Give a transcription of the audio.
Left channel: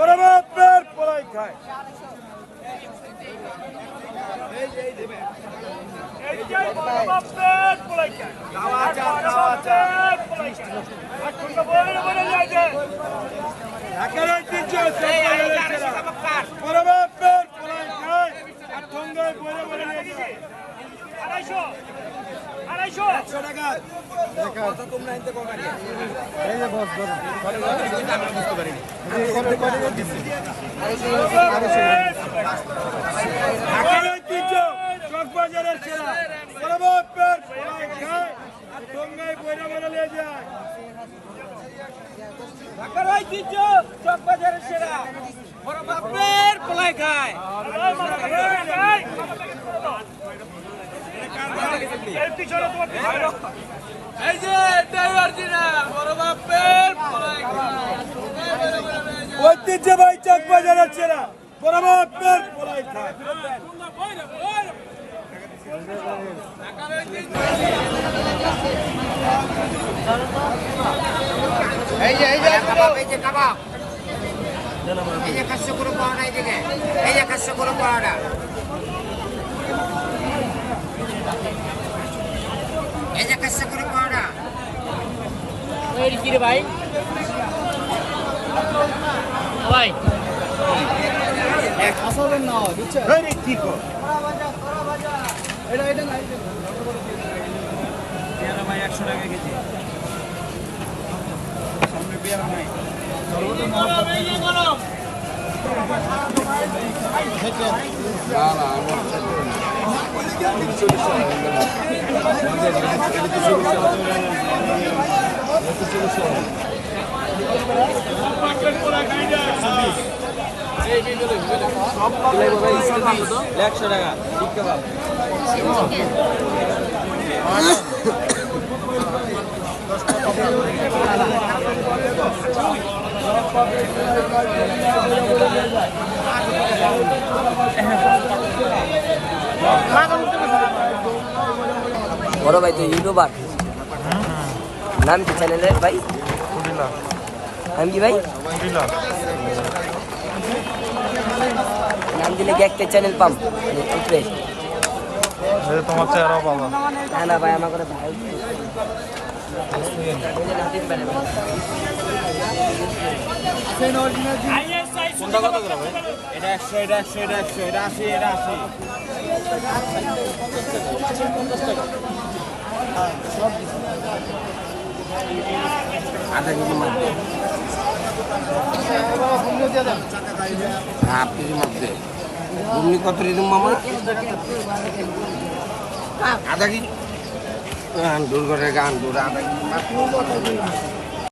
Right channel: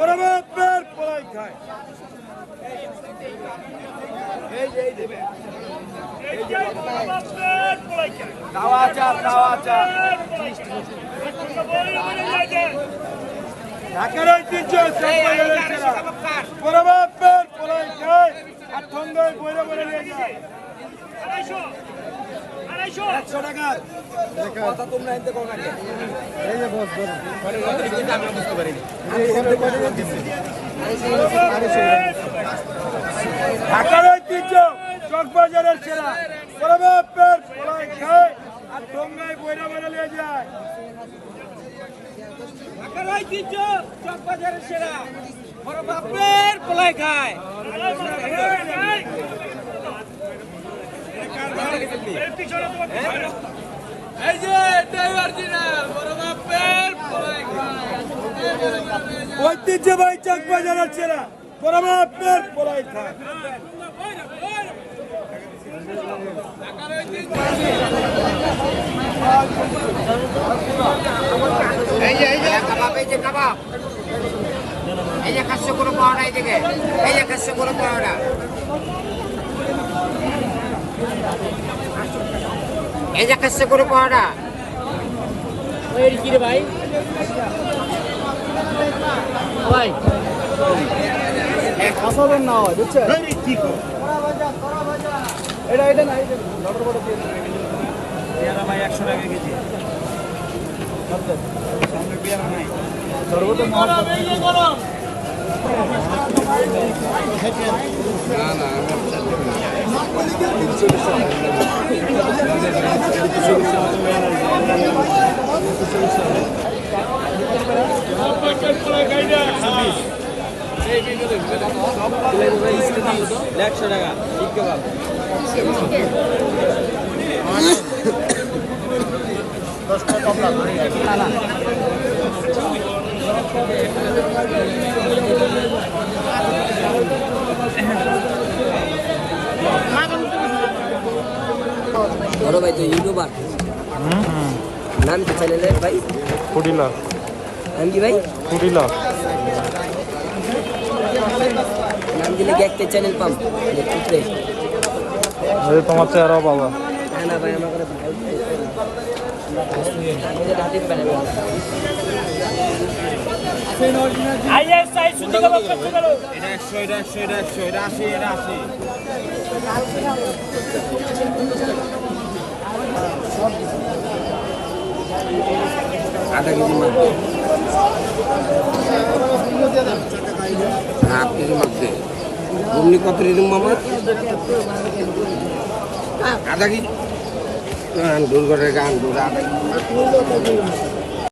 বাপের পলাই খায়। ঢাকার ঐতিহ্য পলাই খায় আর ঠঙ্গায় বইরে বইরে নিয়ে যায় একশো টাকা। কথা তোমরা এনতে কম। আগে এই যে বস ধরো। আমরা বুঝতে পারিনি ঢাকার ঐতিহ্য চকবাজারের সেরা বড় খায় আর ঠঙ্গায় বইরে বইরে নিয়ে যায়। ঢাকার ঐতিহ্য চকবাজারের সেরা বড় বাপের পলাই খায় এই যে এটাই অরিজিনাল বড় বাপের ঐতিহ্যবাহী চকবাজারের সেরা বড় বাপের পলাই এই যে এই যে, কাবাব, এই যে কাবাব। এই যে কাছে কোনো পাওয়া নাই দিকে এই যে কাছে কোনো পাওয়া না এই যে কাছে কোনো পাওয়া না কি রে ভাই? ভাই। আসাদের না হয় বুঝছেন? কি কর? এটা এটা না এটা লটার বড় পেয়ারা ভাই একশো টাকা কেজি। সামনে পেয়ারা নাই। সর্বত একশো টাকা ঠিক কেবাব বড় ভাই তো ইউটিউবার। নাম কি চ্যানেলের ভাই? নাম কি ভাই? নাম দিলে কি একটা চ্যানেল পাম? টুথপেস্ট তোমার চেহারা পাবো না না ভাই আমার ভাই এটা একশো এটা একশো এটা একশো এটা আশি এটা আশি। আধা কেজি মাছ হাফ কেজি মাছ দে। ঘুমনি কত রিজুম মামা আধা কেজি? গান দূর করে গান দূর